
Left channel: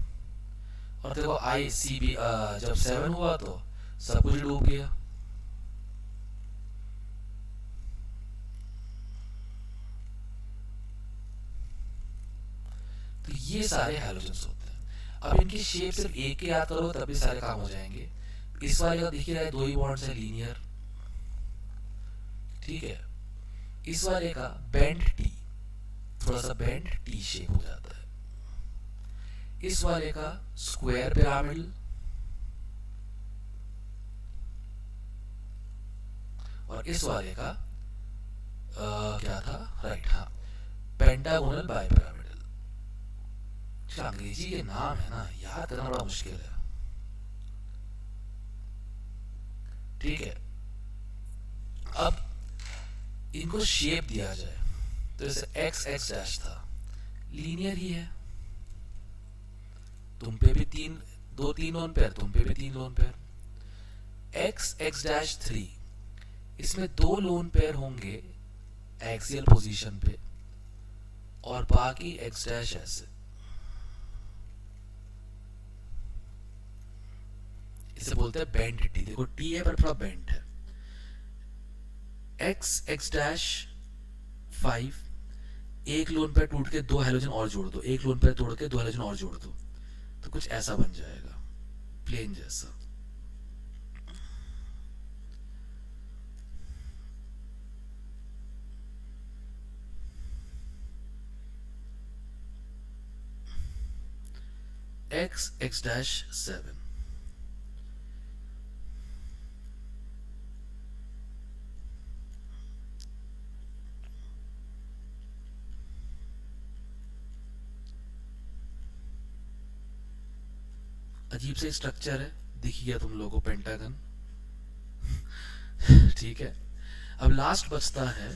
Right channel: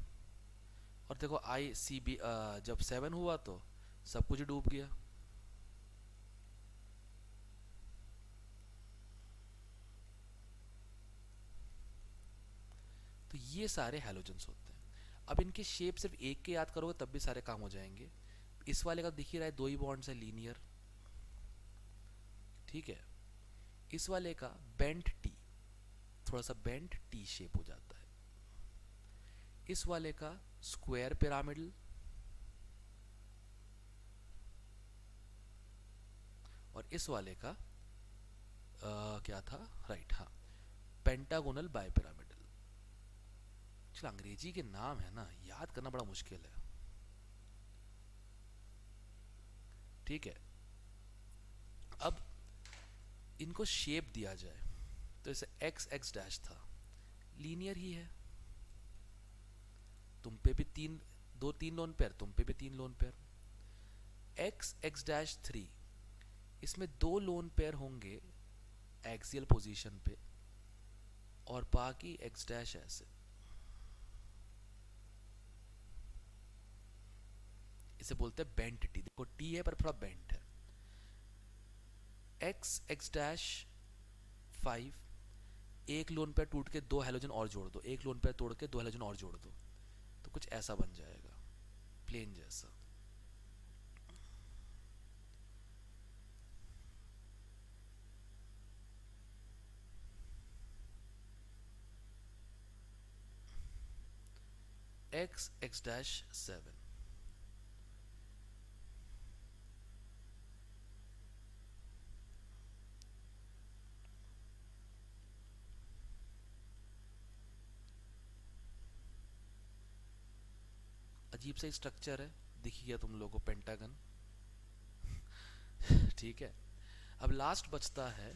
और देखो ICB जब 7 हुआ तो सब कुछ डूब गया। तो ये सारे हैलोजेंस होते हैं। अब इनकी शेप सिर्फ एक ही याद करो तभी सारे काम हो जाएंगे। इस वाले का देखिए रहा है 2 ही बॉन्ड्स है लीनियर। ठीक है, इस वाले का बेंड टी, थोड़ा सा बेंड टी शेप हो जाता है। इस वाले का स्क्वायर पिरामिडल, और इस वाले का क्या था, राइट, हाँ, पेंटागोनल बाइपिरामिडल। अंग्रेजी के नाम है ना, याद करना बड़ा मुश्किल है। ठीक है, अब इनको शेप दिया जाए तो जैसे एक्स एक्स डैश था, लीनियर ही है, तुम पे भी 3 लोन पेयर, तुम पे भी 3 lone pair. X x dash 3, इसमें 2 लोन पेयर होंगे एक्सियल पोजीशन पे और बाकी एक्स डैश ऐसे। इसे बोलते हैं बेंड टी। देखो टी है पर थोड़ा बेंड है। एक्स एक्स डैश 5, एक लोन पेयर टूट के 2 हैलोजन और जोड़ दो, एक लोन पेयर तोड़ के 2 हैलोजन और जोड़ दो, तो कुछ ऐसा बन जाएगा, प्लेन जैसा। एक्स एक्स डैश 7, अजीब से स्ट्रक्चर है, दिख गया तुम लोगों को पेंटागन। ठीक है, अब लास्ट बचता है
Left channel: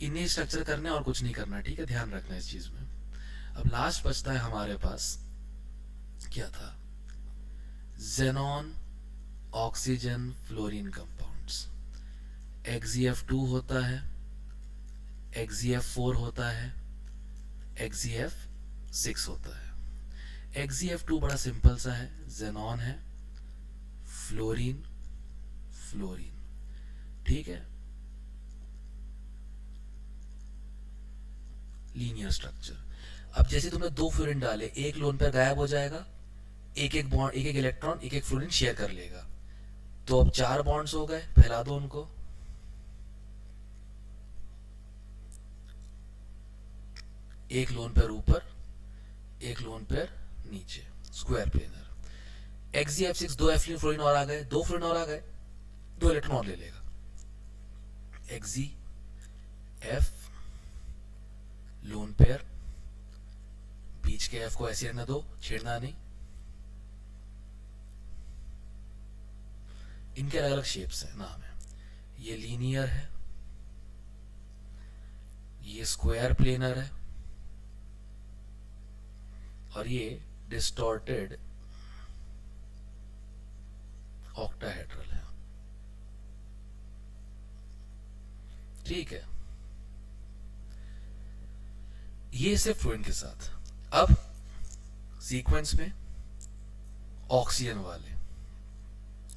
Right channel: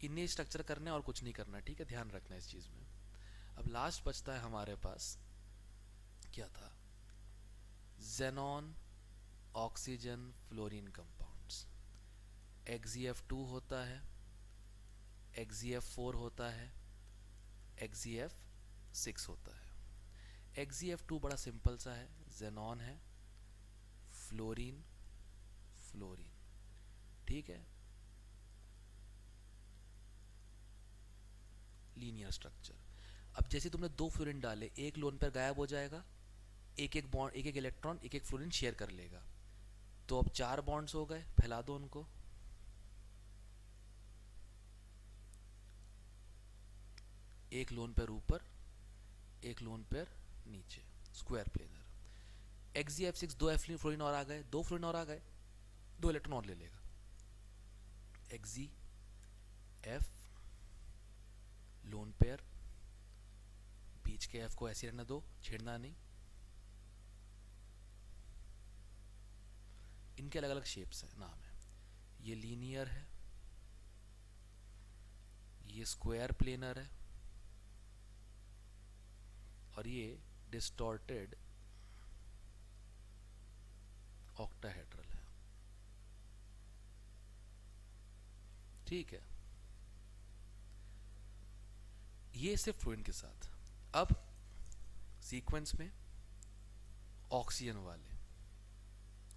इन्हें स्ट्रक्चर करने और कुछ नहीं करना। ठीक है, ध्यान रखना इस चीज में। अब लास्ट बचता है हमारे पास, क्या था, xenon oxygen fluorine compounds. XeF2 होता है, XeF4 होता है, XeF6 होता है। XeF2 बड़ा सिंपल सा है, जेनॉन है, फ्लोरीन, फ्लोरीन। ठीक है, लीनियर स्ट्रक्चर। अब जैसे तुमने 2 फ्लोरीन डाले, एक लोन पर गायब हो जाएगा, एक एक बॉन्ड, एक एक इलेक्ट्रॉन, एक एक फ्लोरीन शेयर कर लेगा, तो अब 4 बॉन्ड्स हो गए, फैला दो उनको। एक लोन पेयर ऊपर, एक लोन पेयर नीचे, स्क्वायर प्लेनर। XeF6 2 फ्लोरीन और आ गए, 2 फ्लोरीन और आ गए, 2 इलेक्ट्रॉन और ले लेगा। XeF लोन पेयर, बीच के F को ऐसे रहने दो, छेड़ना नहीं। इनके अलग अलग शेप्स हैं, नाम है, ये लीनियर है, ये स्क्वायर प्लेनर है, और ये डिस्टॉर्टेड ऑक्टाहेड्रल है। ठीक है, ये सिर्फ फ्लूएंट के साथ। अब सीक्वेंस में ऑक्सीजन वाले,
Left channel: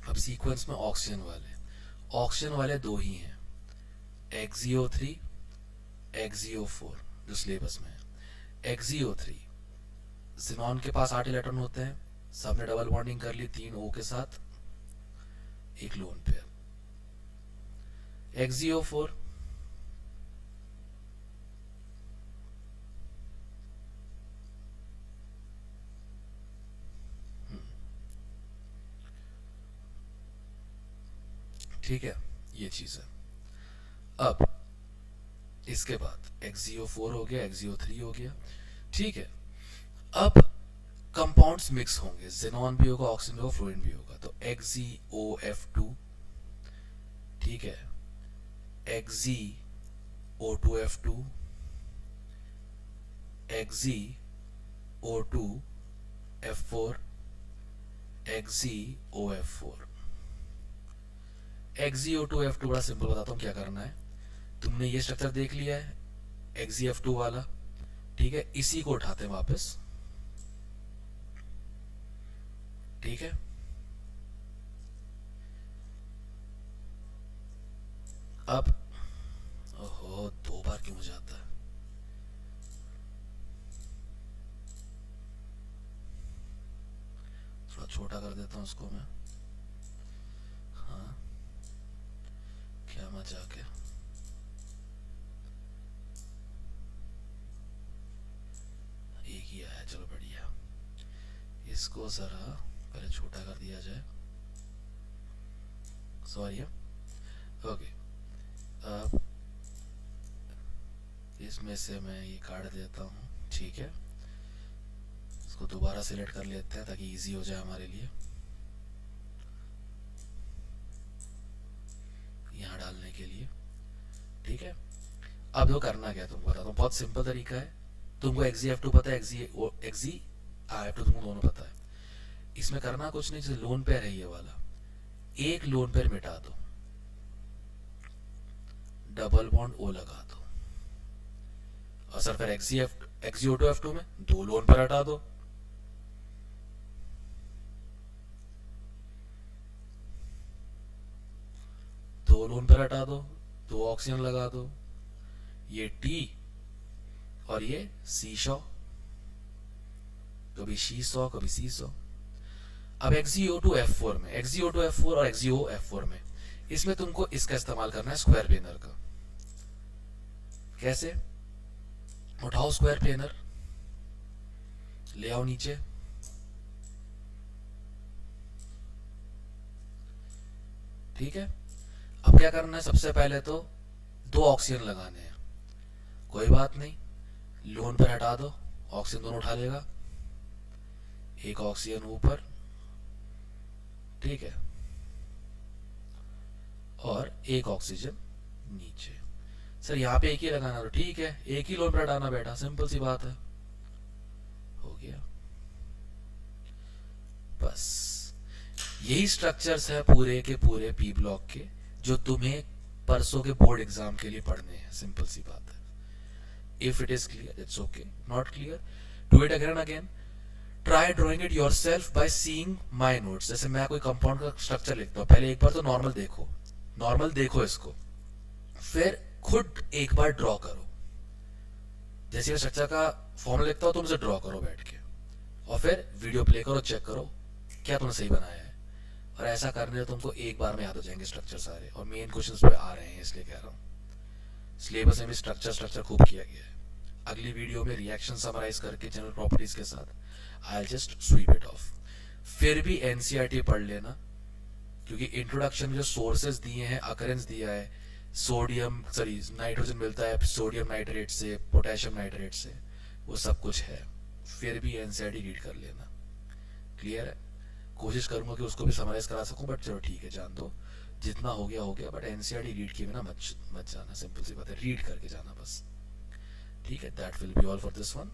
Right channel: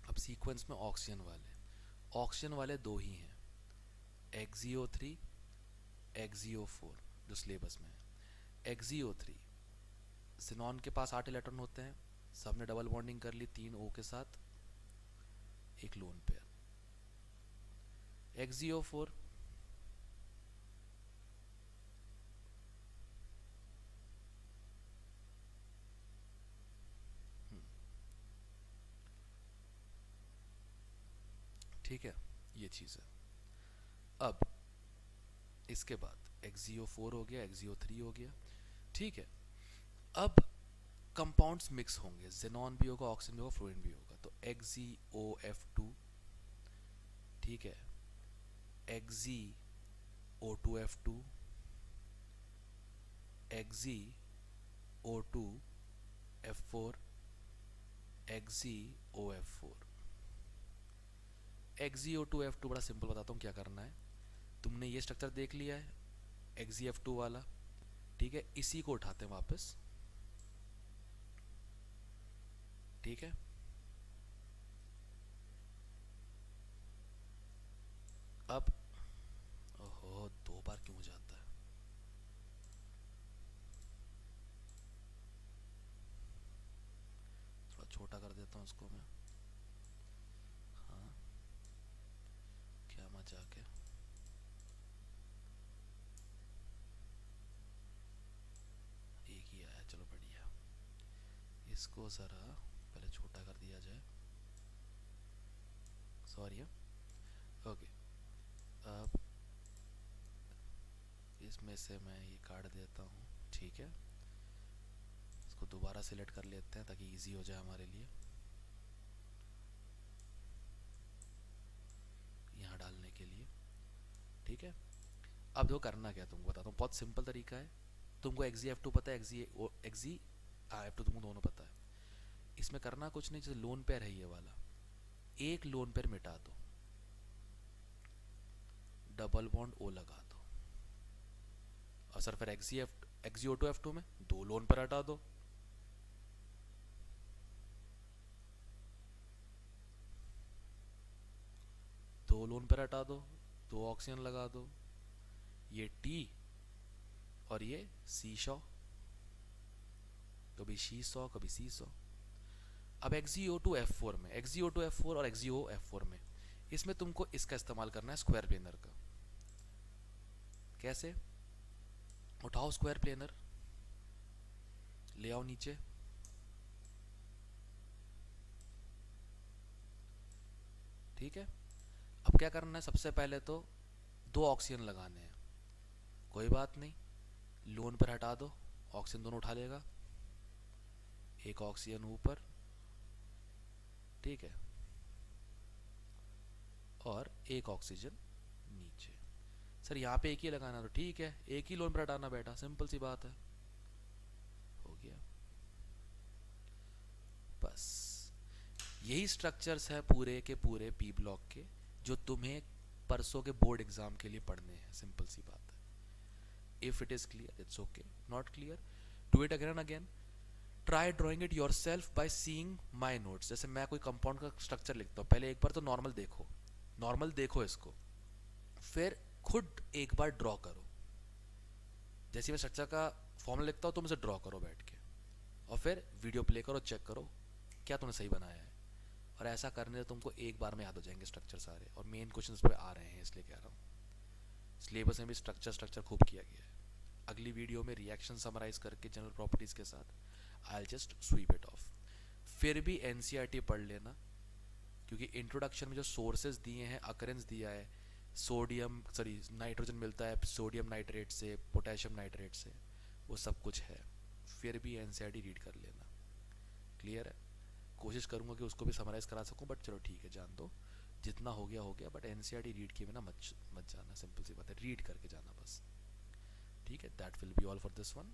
अब सीक्वेंस में ऑक्सीजन वाले दो ही हैं, XiO3 XiO4 जो सिलेबस में है। XiO3 जिनॉन के पास 8 इलेक्ट्रॉन होते हैं, सबने डबल बॉन्डिंग कर ली 3 O के साथ, एक लोन पेयर। XiO4 ठीक है, ये चीज है। अब इसके बाद XiO4 हो गया, XiO3 हो गया, ठीक है। अब कंपाउंड्स मिक्स होंगे, जेनॉन भी होगा, ऑक्सीजन भी होगा, फ्लोरीन भी होगा, तो XiOF2, ठीक है, XiO2F2, XiO2F4, XiOF4। XiO2F2 बड़ा सिंपल बताता हूँ क्या करना है। तुमने ये स्ट्रक्चर देख लिया है XiF2 वाला, ठीक है, इसी को उठाते हैं वापस, ठीक है। अब ओहो, 2 बार क्यों हो जाता है? थोड़ा छोटा कर देता हूँ उसको मैं। हाँ, क्या मजाक है। एक ही आया, चलो बढ़िया। इसको जरा पहले छोटा कर दिया जाए, सॉरी। ओके, अब इसमें से मैं ये काट देता हूँ, ठीक है। इसको दोबारा सिलेक्ट कर लेते हैं ताकि इजी हो जाए हमारे लिए यहाँ डालने के लिए, ठीक है। अब जो करना क्या है तुमको बताता हूँ, बहुत सिंपल तरीका है। तुमको XiF2 पता है, XiF2 तुमको दोनों पता है। इसमें करना कुछ नहीं, जैसे लोन पेयर है ये वाला, एक लोन पेयर मिटा दो, डबल बॉन्ड O लगा दो, और सर फिर XiO2F2 में 2 लोन पेयर हटा दो, हटा दो, 2 ऑक्सीजन लगा दो, ये T और ये C100, कभी C100 कभी C100। अब XiO2F4 में, XiO2F4 और XiOF4 में, इसमें तुमको इसका इस्तेमाल करना है, स्क्वायर प्लेनर का। कैसे? उठाओ स्क्वायर प्लेनर, ले आओ नीचे, ठीक है। अब क्या करना है, सबसे पहले तो 2 ऑक्सीजन लगाने हैं, कोई बात नहीं, लोन पर हटा दो, ऑक्सीजन दोनों उठा लेगा, एक ऑक्सीजन ऊपर, ठीक है, और एक ऑक्सीजन नीचे। सर यहाँ पे एक ही लगाना, तो ठीक है, एक ही लोन पर हटाना बेटा, सिंपल सी बात है, हो गया। बस यही स्ट्रक्चर्स है पूरे के पूरे पी ब्लॉक के, जो तुम्हें परसों के बोर्ड एग्जाम के लिए पढ़ने हैं, सिंपल सी बात है। If it is clear it's okay, not clear do it again and again, try drawing it yourself by seeing my notes. जैसे मैं कोई कंपाउंड का स्ट्रक्चर लिखता हूँ, पहले एक बार तो नॉर्मल देखो इसको, फिर खुद एक बार ड्रॉ करो। जैसे मैं स्ट्रक्चर का फॉर्मूला लिखता हूँ, तुम इसे ड्रॉ करो बैठ के, और फिर वीडियो प्ले करो, चेक करो क्या तुमने सही बनाया है। और ऐसा करने से तुमको एक बार में याद हो जाएंगे स्ट्रक्चर सारे, और मेन क्वेश्चंस पे आ रहे हैं, इसलिए कह रहा हूँ। सिलेबस में भी स्ट्रक्चर खूब किया गया है। अगली वीडियो में रिएक्शन समराइज करके जनरल प्रॉपर्टीज के साथ I just sweep it off. फिर भी एनसीईआरटी पढ़ लेना, क्योंकि इंट्रोडक्शन में जो सोर्सेज दिए हैं, अकरेंस दिया है, नाइट्रोजन मिलता है सोडियम नाइट्रेट से, पोटेशियम नाइट्रेट से, वो सब कुछ है। फिर भी एनसीईआरटी रीड कर लेना, क्लियर है। कोशिश करूंगा कि उसको भी समराइज करा सकूं, बट चलो ठीक है, जान दो, जितना हो गया, बट एनसीईआरटी रीड किए बिना मत जाना, सिंपल सी बात है, रीड करके जाना बस, ठीक है। That will be all for this one.